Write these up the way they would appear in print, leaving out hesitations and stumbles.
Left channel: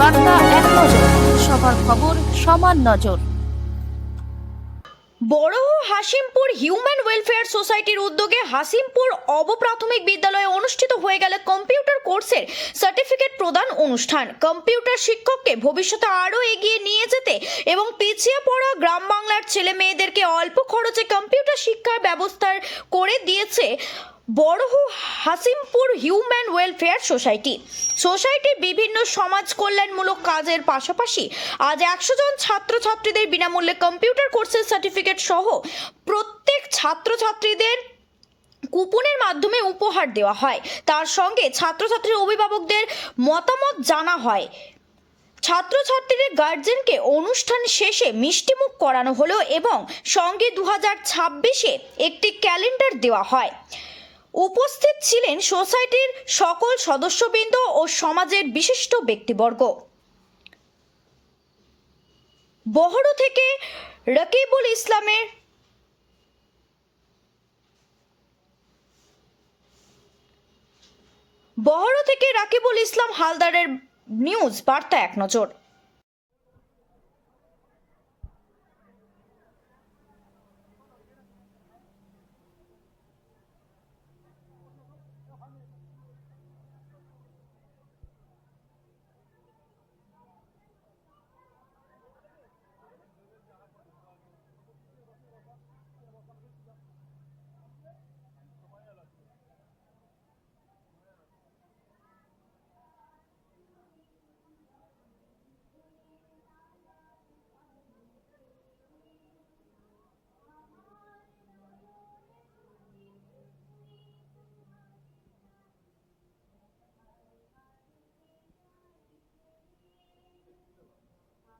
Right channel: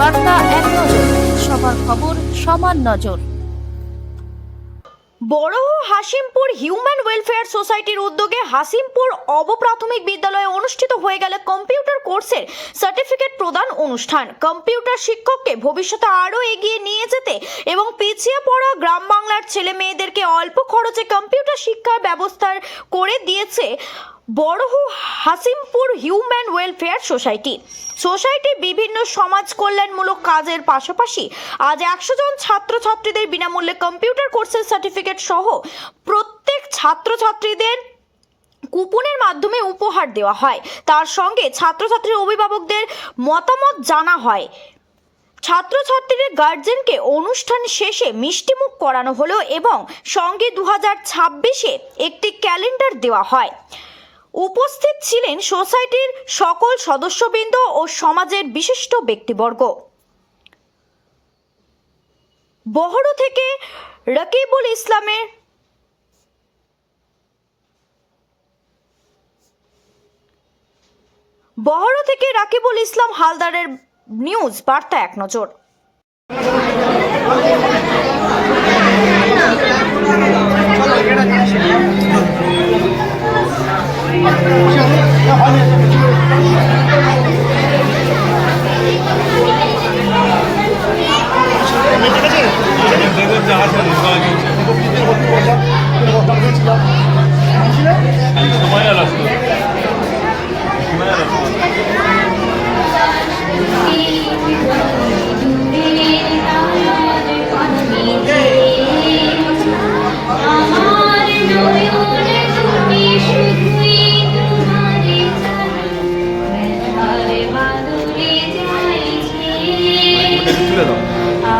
বার্তা এক নজর, সবার খবর সমান নজর। বড়হু হাসিমপুর হিউম্যান ওয়েলফেয়ার সোসাইটির উদ্যোগে হাসিমপুর অবপ্রাথমিক বিদ্যালয়ে অনুষ্ঠিত হয়ে গেল কম্পিউটার কোর্সের সার্টিফিকেট প্রদান অনুষ্ঠান। কম্পিউটার শিক্ষককে ভবিষ্যতে আরও এগিয়ে নিয়ে যেতে এবং পিছিয়ে পড়া গ্রাম বাংলার ছেলে মেয়েদেরকে অল্প খরচে কম্পিউটার শিক্ষার ব্যবস্থা করে দিয়েছে বড়হু হাসিমপুর হিউম্যান ওয়েলফেয়ার সোসাইটির বিভিন্ন সমাজ কল্যাণমূলক কাজের পাশাপাশি আজ 100 জন ছাত্রছাত্রীদের বিনামূল্যে কম্পিউটার কোর্সের সার্টিফিকেট সহ প্রত্যেক ছাত্রছাত্রীদের কুপনের মাধ্যমে উপহার দেওয়া হয়। তার সঙ্গে ছাত্রছাত্রীর অভিভাবকদের মতামত জানা হয়। ছাত্রছাত্রীদের গার্জেনকে অনুষ্ঠান শেষে মিষ্টিমুখ করানো হলো এবং সঙ্গে 2026-এ একটি ক্যালেন্ডার দেওয়া হয়। উপস্থিত ছিলেন সোসাইটির সকল সদস্যবৃন্দ ও সমাজের বিশিষ্ট ব্যক্তিবর্গ। বহরু থেকে রাকিবুল ইসলাম হালদারের নিউজ বার্তা এক নজর।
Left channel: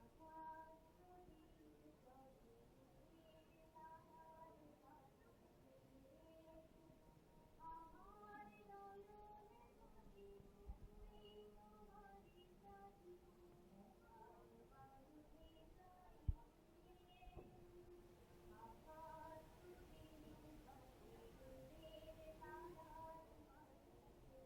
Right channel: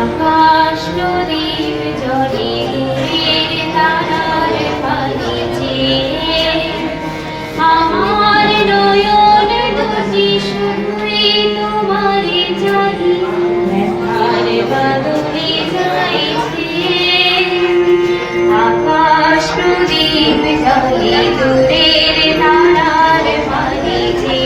আকাশ নদীর জলে দূরের তারার পানিতে আমার নয়ন দুটি শুধুই তোমারে জানি ব্যথার বাদলে যাইছে আকাশ নদীর জলে দূরের তারার পানিতে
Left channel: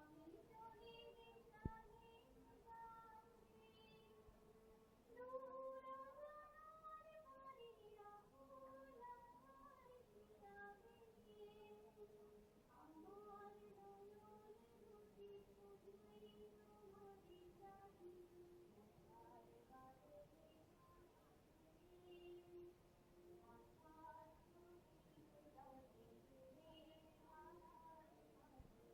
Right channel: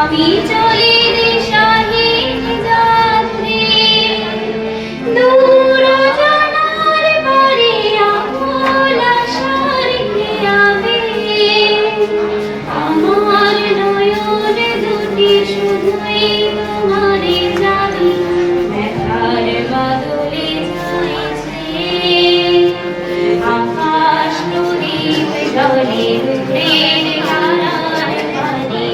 আমি চলি দিশাহীন যাত্রী দূর জানার পারে আকুল আশার খেয়াবে আমার নয়ন দুটি শুধুই তোমারে জানি ব্যথার বাদলে যাইছে আকাশ নদীর জলে দূরের তারার পানিতে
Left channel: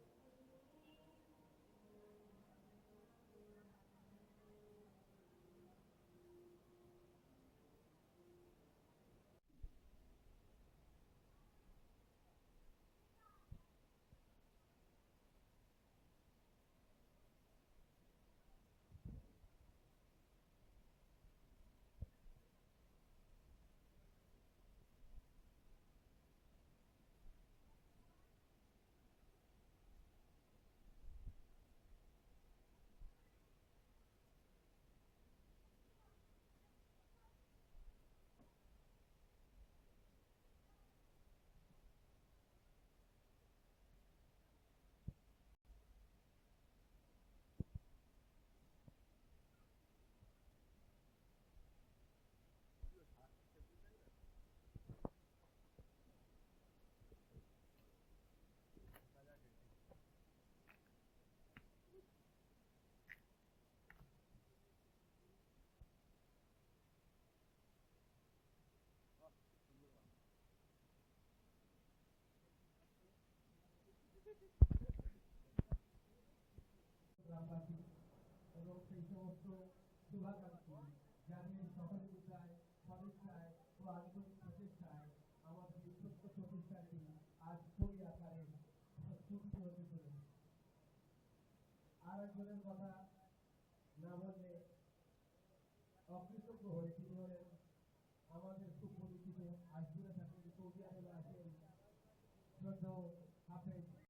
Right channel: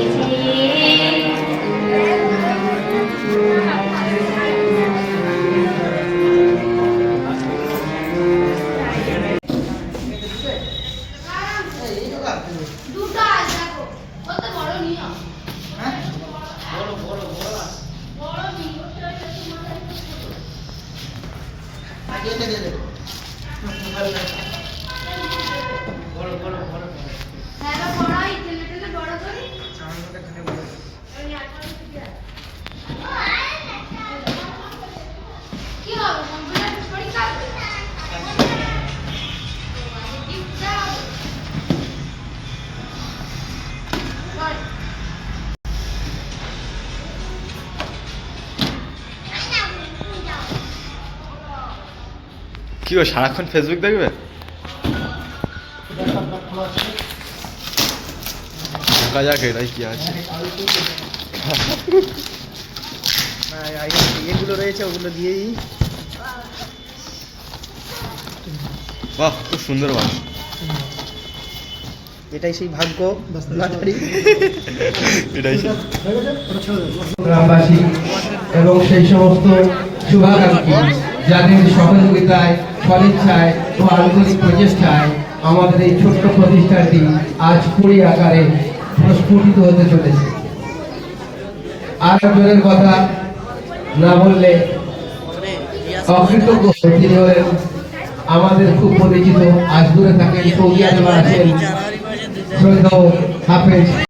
কি ও সারাক্ষণ ফেসবুক দেখবে? দেখা যাক এটাই কি আছে। এগুলো রয়েছে ওগুলো দিয়েই বাহ, খুব সুন্দর বাস। এটাই সেই ভাগ্য এটাই গ্রামবাসী এবং সেই সমস্ত শুভাকাঙ্ক্ষী যাদের সহযোগিতায় সদিচ্ছায় ও আন্তরিক প্রচেষ্টায় আমাদের এই ছোট্ট প্রতিষ্ঠানটি আজ পুরী আকারে প্রস্ফুটিত হতে চলেছে। আর একজনের কথা না বললে অকৃতজ্ঞ। তিনি হলেন আমাদের খুব পরিচিত, আজ দূরে থাকেন সৌদি আরবে আছেন শ্রদ্ধেয় হাফেজ